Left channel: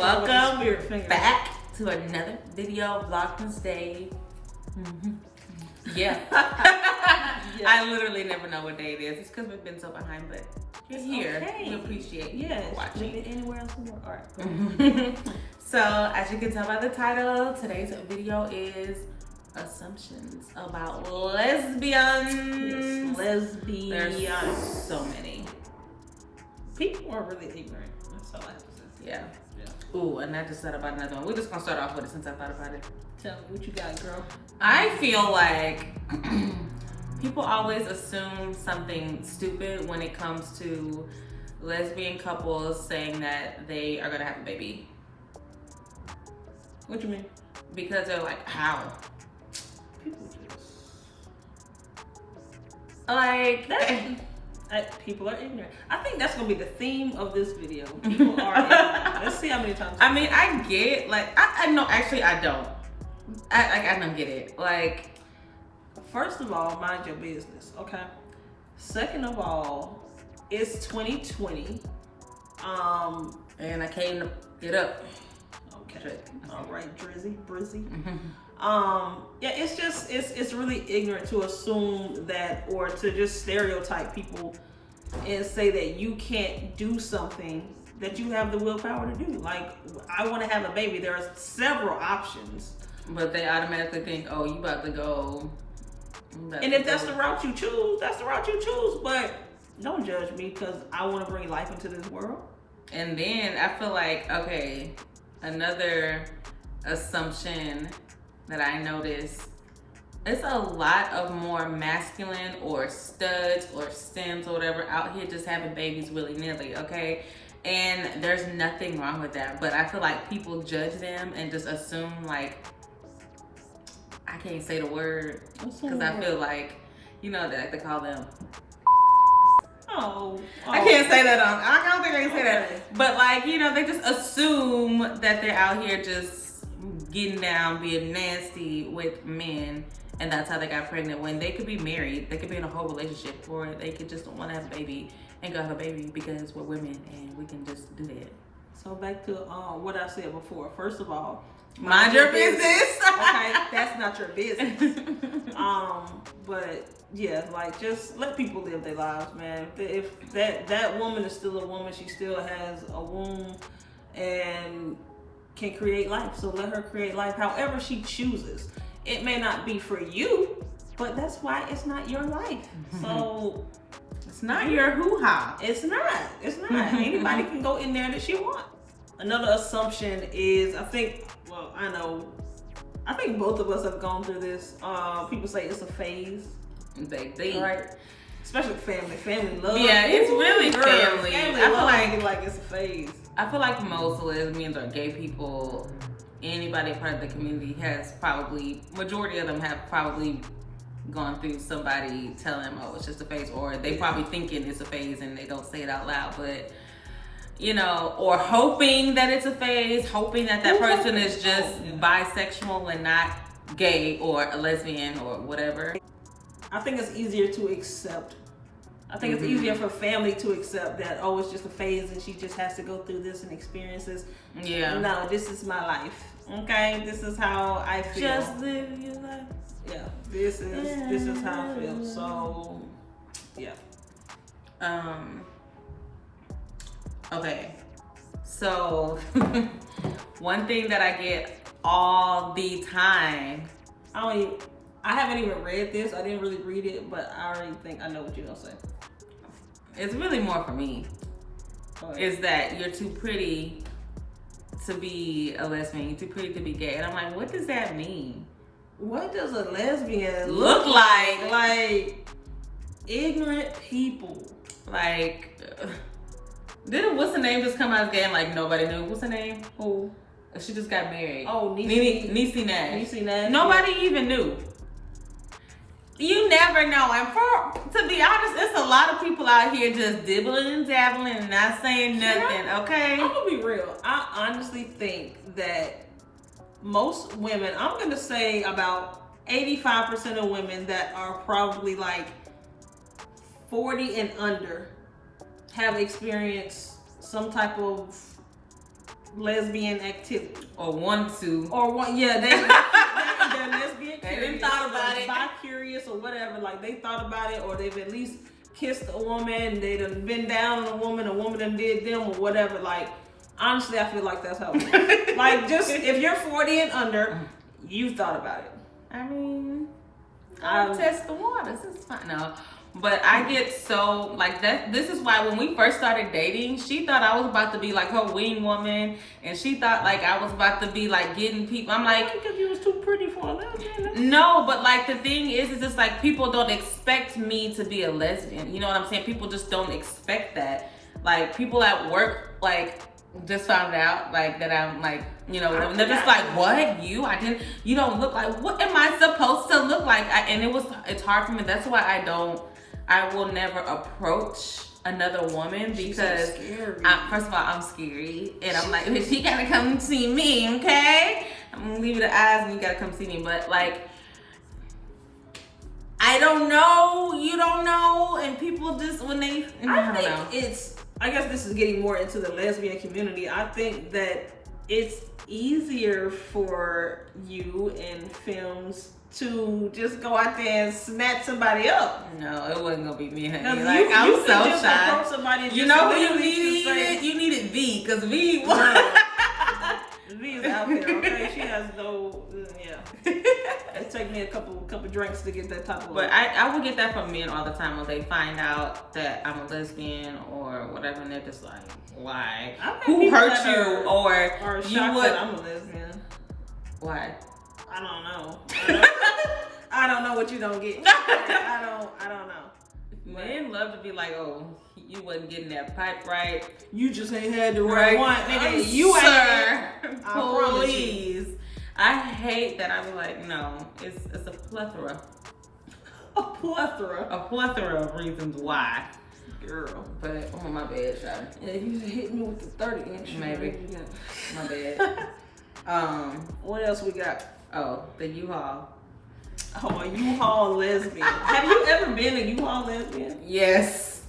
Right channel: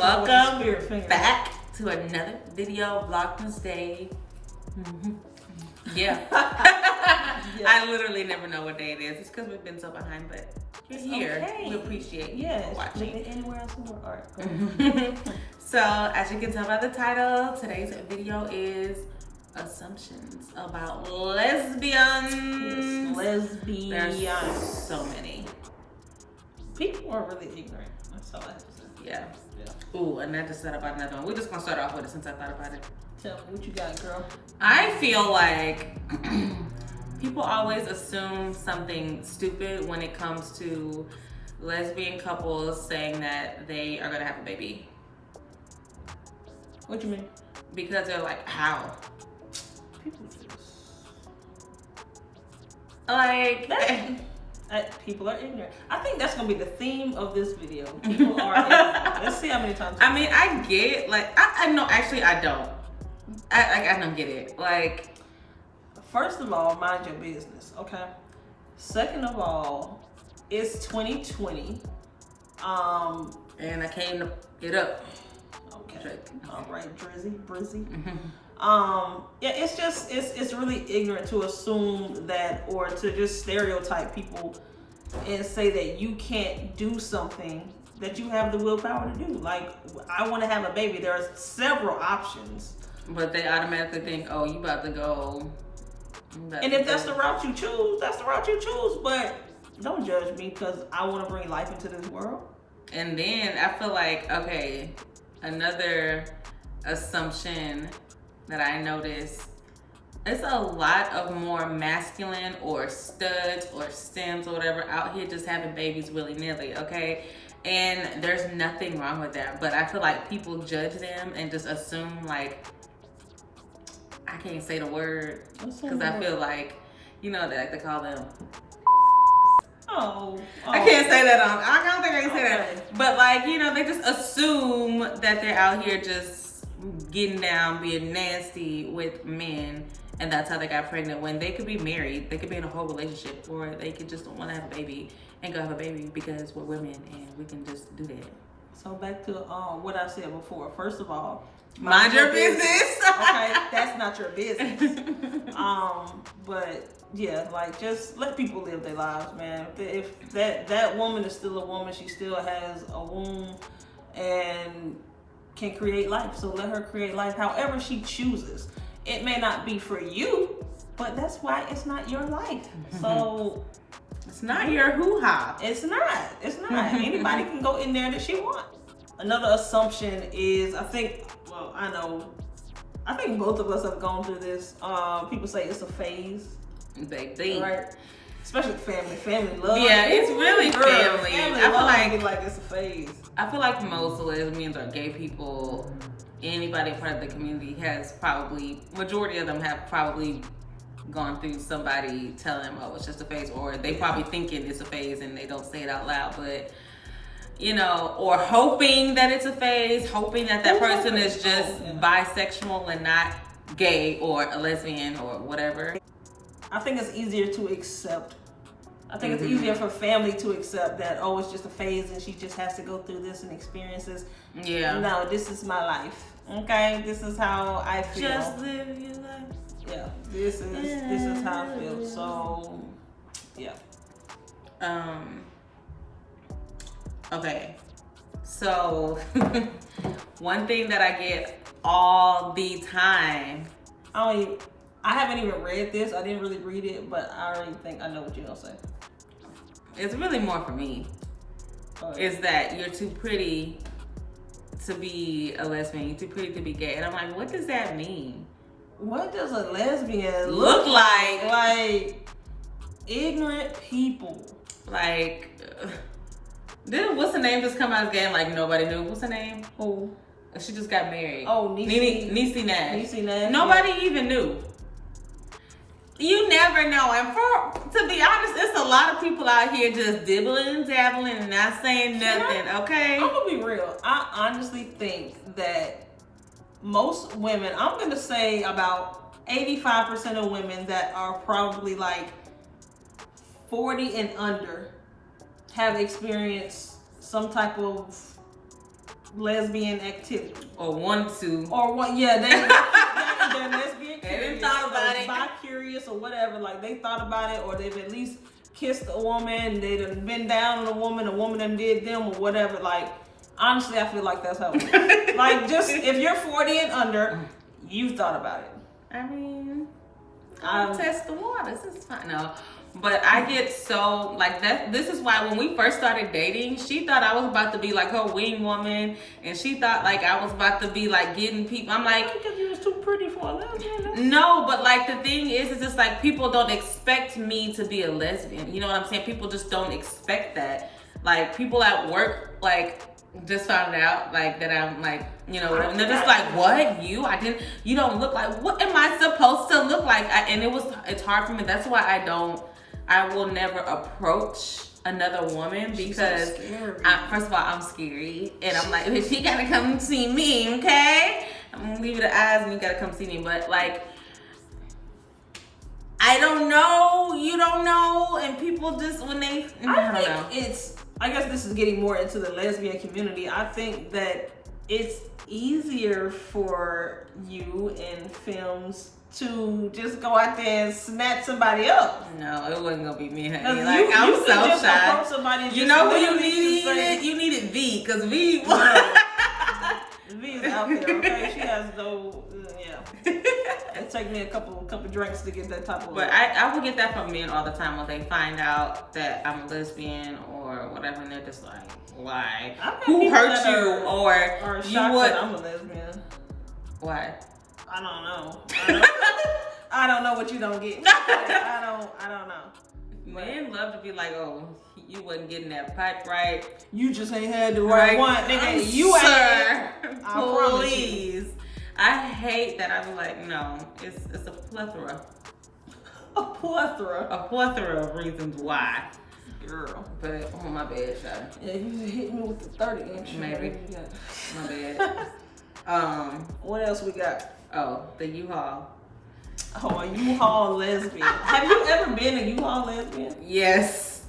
Welcome back to another video, Vlogmas Day. Yeah. I literally never know what day it is. It's because we've been so behind, but you're here. Okay. We appreciate you for watching. Anywhere else in the world. So, as you can tell by the title, today's video is assumptions about lesbians. Yes, lesbians. There's so many. People are really ignorant. That's all I have to say. Yeah. Ooh, and I just thought about another one. We're just gonna start off with it since I thought about it. Tell me what you got, girl. I feel like people always assume something stupid when it comes to lesbian couples saying that they are gonna have a baby. What you mean? Because they're like, how? People just like people are ignorant. I think that's gonna be the theme of this video. People are ignorant. Let's see how many times. I mean, I get like I no, actually I don't. I don't get it. Like, first of all, mind your business, okay? Second of all, it's 2020. And I came to get up. Okay. All right, Brizzy. Yeah, it's just it's really ignorant to assume that, or to just stereotype people and say that you can't do something that you have the willpower to do. Like, I want to have a baby. There are several options. But they automatically think, oh, you about to go. And if that's the route you choose, that's the route you choose. But don't judge me because I want to bring life into this world. And then I feel like, okay, another assumption that I noticed, it's a lot of more masculine or studs or stems or whatever out here just having babies willy-nilly, okay? And there's nothing wrong with that. But I feel like people judge them and just assume, like, I can't say the word because I feel like, you know, that they call them. Oh. I can't say that I don't think I can say that. But like, you know, they just assume that they're out here just getting down, being nasty with men, and that's how they got pregnant, when they could be married, they could be in a whole relationship, or they could just want to have a baby and go have a baby because we're women and we can just do that. So back to what I said before. First of all, mind your business. Okay, that's not your business. But yeah, like, just let people live their lives, man. If that woman is still a woman, she still has a womb and can create life. So let her create life however she chooses. It may not be for you, but that's why it's not your life. So it's not your hoo-ha. It's not. Anybody can go in there that she wants. Another assumption is, I think both of us have gone through this. People say it's a phase. Baby. Right? Especially family love. Yeah, it's really family. I feel like it's a phase. I feel like most lesbians or gay people, anybody part of the community has probably, majority of them have probably gone through somebody telling them, oh, it's just a phase, or they probably thinking it's a phase and they don't say it out loud, but you know, or hoping that it's a phase, hoping that person is just bisexual and not gay or a lesbian or whatever. I think it's easier to accept. I think it's easier for family to accept that, oh, it's just a phase and she just has to go through this and experience this. Yeah. No, this is my life. Okay? This is how I feel. Just live your life. Yeah. This is how I feel. So, yeah. Okay. So, one thing that I get all the time. I haven't even read this. I didn't really read it, but I already think I know what you're gonna say. It's really more for me. Is that you're too pretty to be a lesbian, you're too pretty to be gay. And I'm like, what does that mean? What does a lesbian look like? Like, ignorant people. Like, what's the name just come out of the game? Like, nobody knew. What's her name? Who? She just got married. Oh, Niecy Nash. Niecy Nash. Nobody even knew. You never know. And to be honest, it's a lot of people out here just dibbling and dabbling and not saying nothing, okay? I'm gonna be real. I honestly think that most women, I'm gonna say about 85% of women that are probably like 40 and under have experienced some type of lesbian activity. Or want to. Or what? Yeah, they're lesbian. They didn't thought about it. Bi-curious or whatever. Like they thought about it, or they've at least kissed a woman. They done been down on a woman done did them or whatever. Like honestly, I feel like that's how it works. Like just if you're 40 and under, you've thought about it. I mean, I'll test the waters. It's fine. No. But I get so, like, that. This is why when we first started dating, she thought I was about to be, like, her wing woman. And she thought, like, I was about to be, like, getting people. I'm like... Because you was too pretty for a lesbian. No, but, like, the thing is just, like, people don't expect me to be a lesbian. You know what I'm saying? People just don't expect that. Like, people at work, like... just found out like that I'm like, you know, and they're just like, what? You don't look like, what am I supposed to look like? It's hard for me. That's why I will never approach another woman because first of all, I'm scary. And I'm like, she gotta come see me, okay? I'm gonna leave you the eyes and you gotta come see me. But like, I don't know, you don't know, and people just, when they, I don't know. I guess this is getting more into the lesbian community. I think that it's easier for you in films to just go out there and snatch somebody up. No, it wasn't gonna be me, honey. Like I'm so shy. You know who you needed? You needed V, because V was. V is out there, okay? She has no, yeah. It take me a couple drinks to get that type of. But I will get that from men all the time when they find out that I'm a lesbian or whatever, and they're just like, why? Who hurt you? Or you would? I'm a lesbian. Why? I don't know. I don't know what you don't get. I don't know. Men love to be like, oh, you wasn't getting that pipe right. You just ain't had the right one. Nigga, you ain't. Please. I hate that. I be like, no, it's a plethora. A plethora? A plethora of reasons why. Girl. But, oh, my bad, Shawty. Yeah, you hit me with the 30-inch. Maybe. My bad. What else we got? Oh, the U-Haul. Oh, a U-Haul lesbian. Have you ever been a U-Haul lesbian? Yes.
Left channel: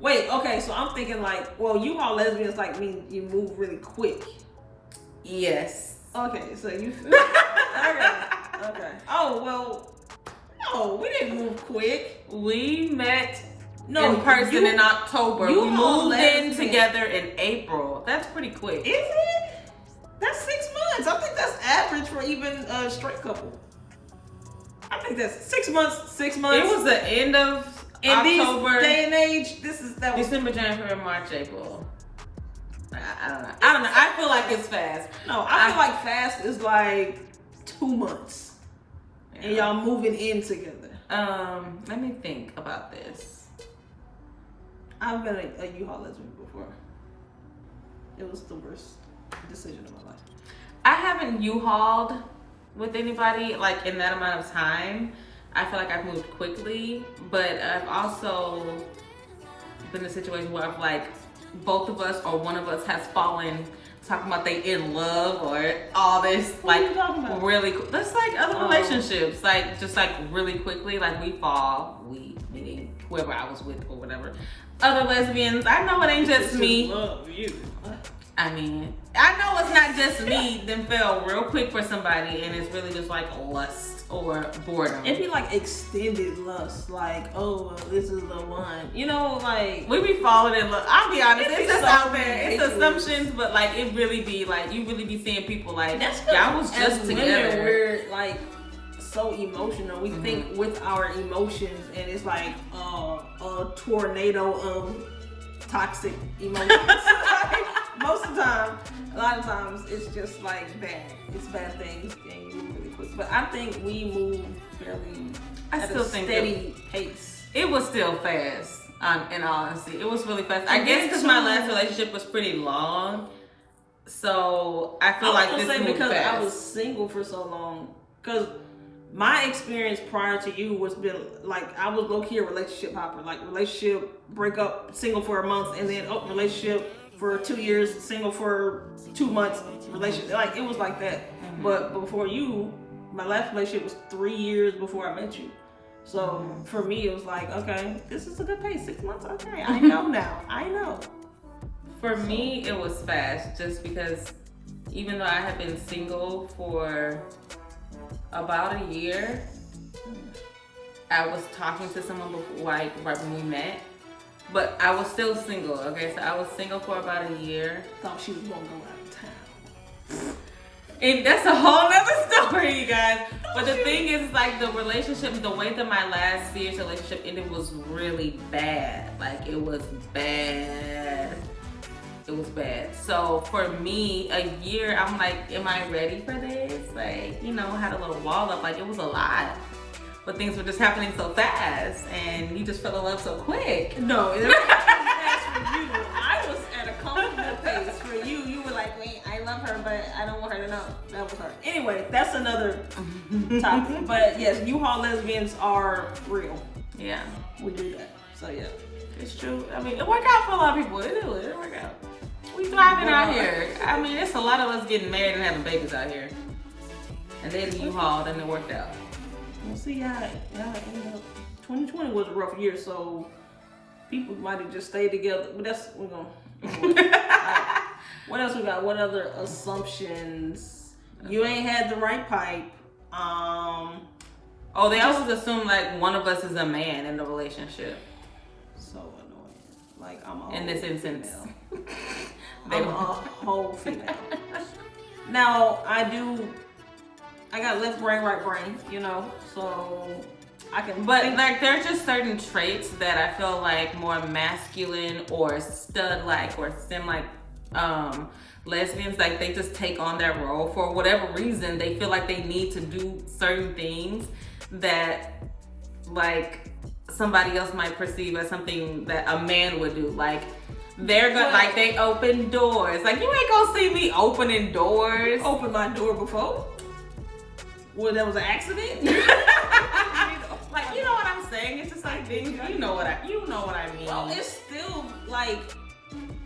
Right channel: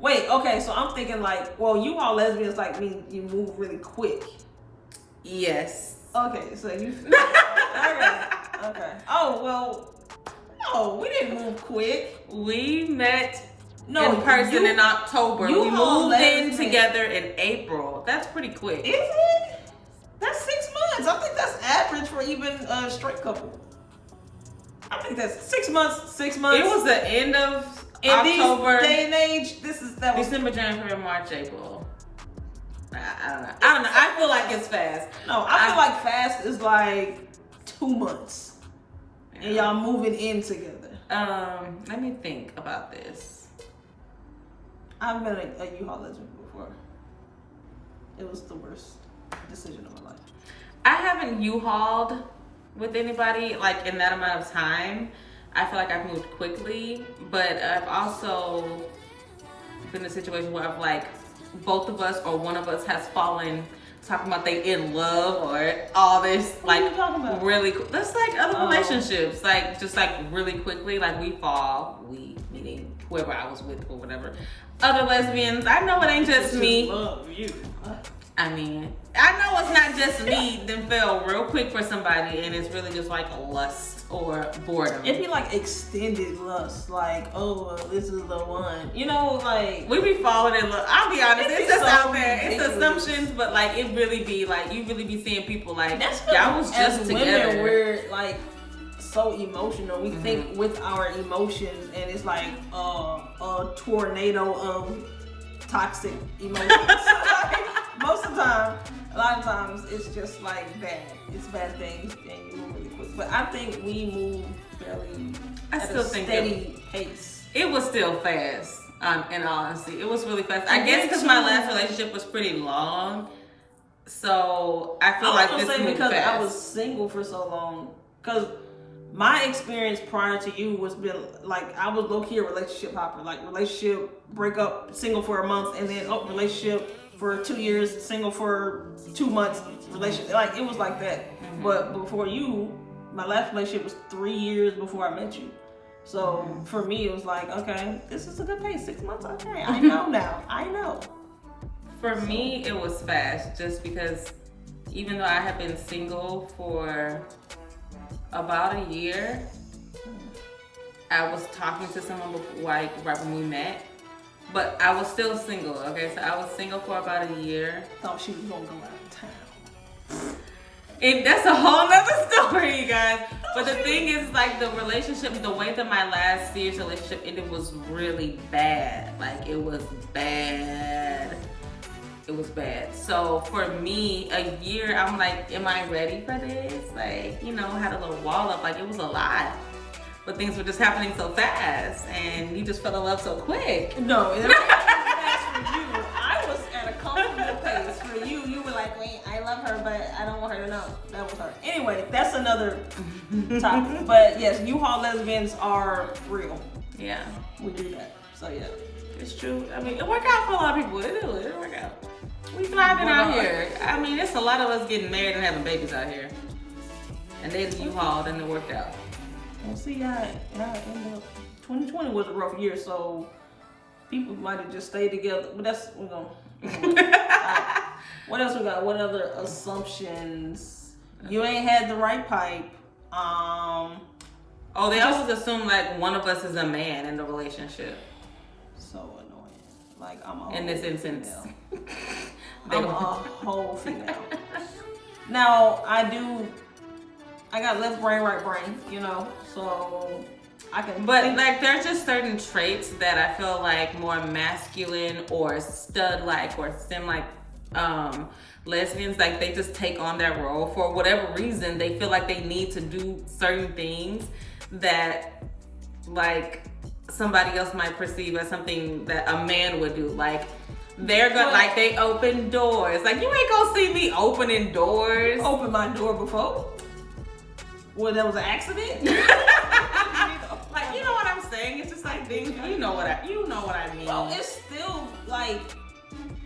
Wait, okay, so I'm thinking like, well, U-Haul lesbians like mean you move really quick. Yes. Okay, so you... Okay. Oh, well, no, we didn't move quick. We met in person in October. We moved in together in April. That's pretty quick. Is it? That's 6 months. I think that's average for even a straight couple. I think that's 6 months. 6 months. It was the end of October. This day and age, that was December, January, March, April. I don't know. I feel like it's fast. No, I feel like fast is like 2 months. Yeah. And y'all moving in together. Let me think about this. I've been a U-Haul lesbian before. It was the worst decision of my life. I haven't U-Hauled with anybody like in that amount of time. I feel like I've moved quickly, but I've also been in a situation where I've like both of us or one of us has fallen talking about they in love or all this what like really that's like other relationships like just like really quickly like we meaning whoever I was with or whatever other lesbians. I know it ain't just me. Love you. I mean, I know it's not just me then fell real quick for somebody and it's really just like lust or boredom. It'd be like extended lust, like, oh, this is the one. You know, like we be falling in love. I'll be honest, it's just out there. It's assumptions, but like it really be like you really be seeing people like y'all was just together. Women, we're like so emotional. We think with our emotions, and it's like a tornado of toxic emotions. Most of the time, a lot of times, it's just like bad. It's bad things, and you move really quick. But I think we move fairly at a steady pace. It was still fast. In all honesty, it was really fast. I guess because my last relationship was pretty long, so I feel like this moved because fast. I was single for so long. Because my experience prior to you was been like I was low key a relationship hopper. Like relationship breakup, single for a month, and then relationship for 2 years, single for 2 months, relationship. Like it was like that. But before you, my last relationship was 3 years before I met you. So for me, it was like, okay, this is a good pace. 6 months, okay. I know now. I know. For me, it was fast just because even though I have been single for about a year, I was talking to someone before, like right when we met, but I was still single. Okay, so I was single for about a year. Thought she was gonna go out of town. And that's a whole nother story, you guys. But the thing is, like, the relationship, the way that my last serious relationship ended was really bad. Like, it was bad. It was bad. So for me, a year, I'm like, am I ready for this? Like, you know, had a little wall up. Like, it was a lot. But things were just happening so fast, and you just fell in love so quick. No, that's for you. I was at a comfortable pace. For you, you were like, wait, I love her, but I don't want her to know that was her. Anyway, that's another topic. But yes, U-Haul lesbians are real. Yeah. We do that. So yeah. It's true. I mean, it worked out for a lot of people. It do. It worked out. We thriving out here. I mean, it's a lot of us getting married and having babies out here. And they U-Hauled and it worked out. Well, see, yeah, ended up. 2020 was a rough year, so people might have just stayed together. But that's we're gonna. Anyway. Right. What else we got? What other assumptions? You ain't had the right pipe. Oh, they always assume like one of us is a man in the relationship. So annoying. Like I'm a in this instance. I'm a whole female. Now I got left brain, right brain, you know, so I can. But like, there's just certain traits that I feel like more masculine or stud-like or sim-like lesbians, like they just take on that role for whatever reason. They feel like they need to do certain things that like somebody else might perceive as something that a man would do. Like they're gonna like they open doors. Like you ain't gonna see me opening doors. Open my door before. Well, that was an accident. Like, you know what I'm saying? It's just like things. You know what I mean. Well, it's still like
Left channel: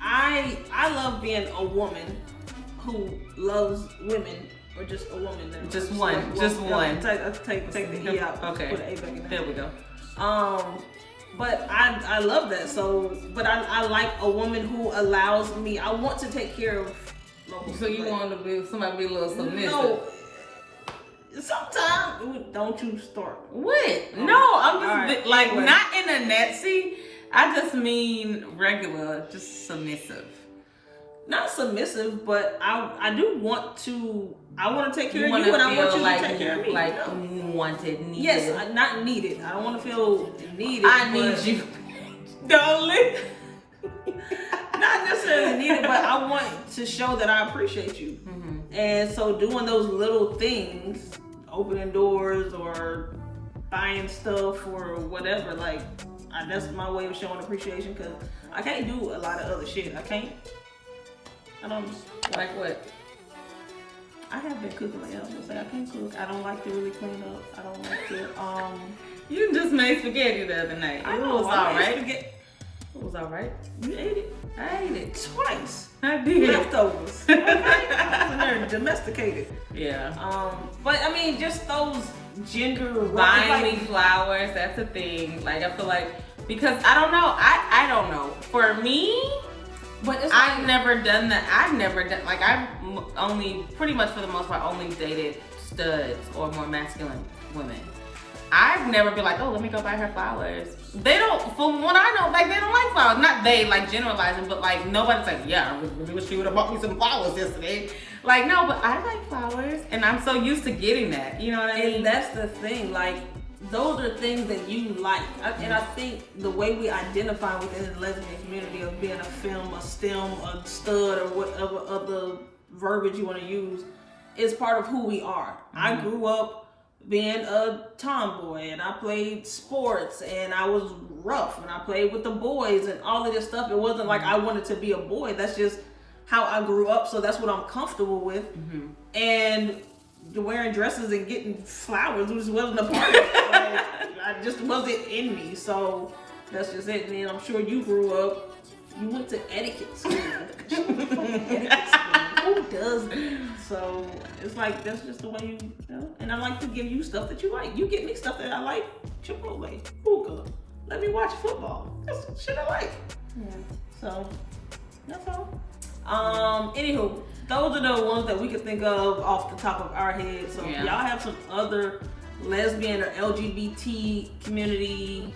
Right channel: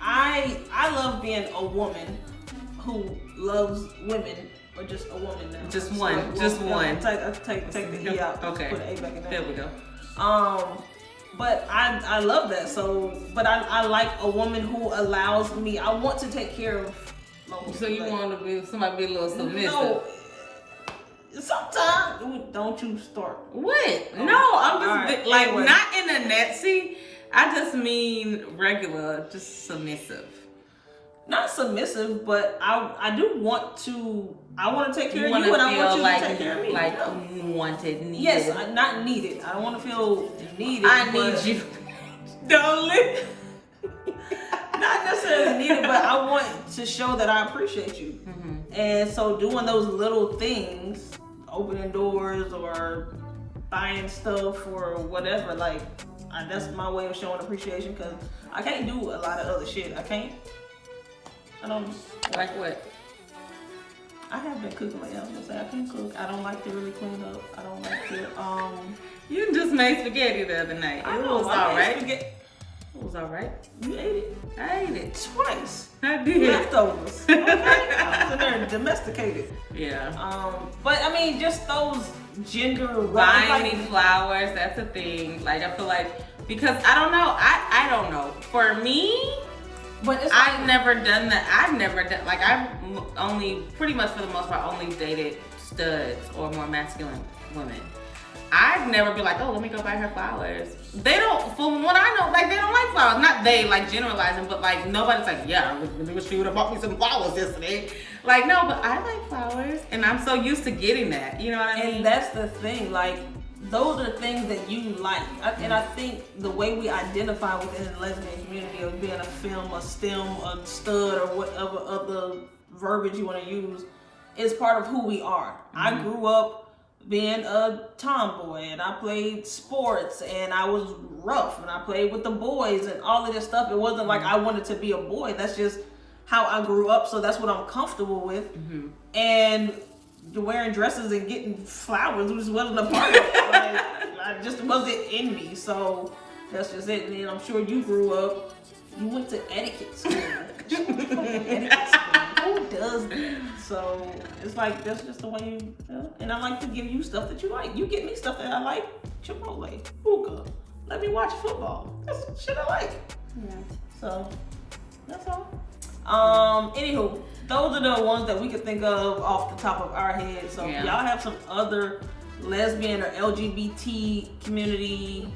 I love being a woman who loves women, or just a woman now. Just one. Take the E out. Okay. Put an A back in there. There we go. But I love that. So, but I like a woman who allows me. I want to take care of. So you want to be somebody be a little submissive? No. Sometimes, don't you start. What? No, I'm just right. like Anyway. Not in a Nazi. I just mean regular, just submissive. Not submissive, but I do want to. I want to take care of you, and I want you like, to take care of me. Like wanted, needed. Yes, not needed. I don't want to feel needed. I need you, darling. Not necessarily needed, but I want to show that I appreciate you. Mm-hmm. And so doing those little things, opening doors or buying stuff or whatever, like that's my way of showing appreciation, because I can't do a lot of other shit. I don't. Like what? I have been cooking lately. I was gonna say I can't cook. I don't like to really clean up. I don't like to. You just made spaghetti the other night. I know, It was all right. Spaghetti. It was all right. You ate it I ate it. twice. I did. Leftovers. Okay? I was in there domesticated. Yeah. But I mean, just those gender Buying me flowers, that's a thing. Like I feel like, because I don't know. I don't know. For me, but it's I've never done that. Like I've only, pretty much for the most part, only dated studs or more masculine women. I've never been like, oh, let me go buy her flowers. They don't, from what I know, like they don't like flowers. Not they, like generalizing, but like nobody's like, yeah, I really wish you would have bought me some flowers yesterday. Like, no, but I like flowers and I'm so used to getting that. You know what I mean? And that's the thing, like those are things that you like. And I think the way we identify within the lesbian community of being a femme, a stem, a stud, or whatever other verbiage you want to use is part of who we are. Mm-hmm. I grew up being a tomboy, and I played sports, and I was rough, and I played with the boys and all of this stuff. It wasn't like I wanted to be a boy. That's just how I grew up, so that's what I'm comfortable with. Mm-hmm. And wearing dresses and getting flowers just wasn't a part of it. Like, I just wasn't in me, so that's just it. And then I'm sure you grew up, you went to etiquette school. Etiquette school. Who does that? So it's like that's just the way you know? And I like to give you stuff that you like. You get me stuff that I like. Chipotle, hookah. Let me watch football. That's shit I like. Yeah. So that's all. Anywho, those are the ones that we could think of off the top of our head. So if y'all have some other lesbian or LGBT community,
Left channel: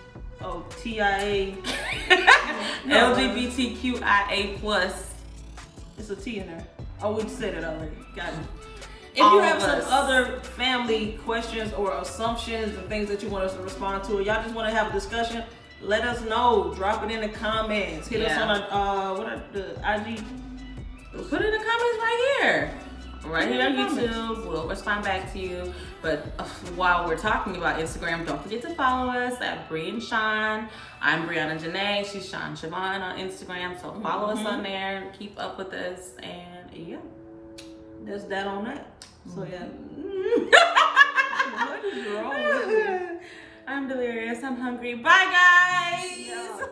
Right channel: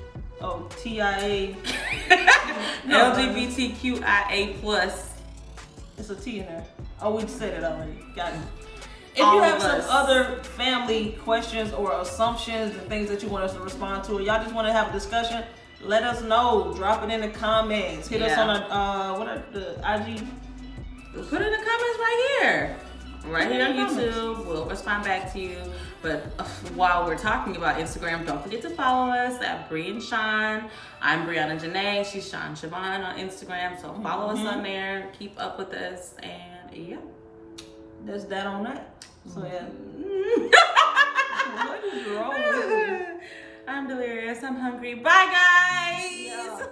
TIA, LGBTQIA plus. It's a T in there. Oh, we said it already. Got it. If All you have of some us. other family questions or assumptions and things that you want us to respond to, or y'all just want to have a discussion, let us know. Drop it in the comments. Hit us on the IG. Put it in the comments right here. Right here on YouTube. We'll respond back to you. But while we're talking about Instagram, don't forget to follow us at Bree and Sean. I'm Brianna Janae. She's Sean Siobhan on Instagram. So follow us on there. Keep up with us. And yeah. There's that on that. So yeah. What is wrong with me? I'm delirious. I'm hungry. Bye, guys. Yeah.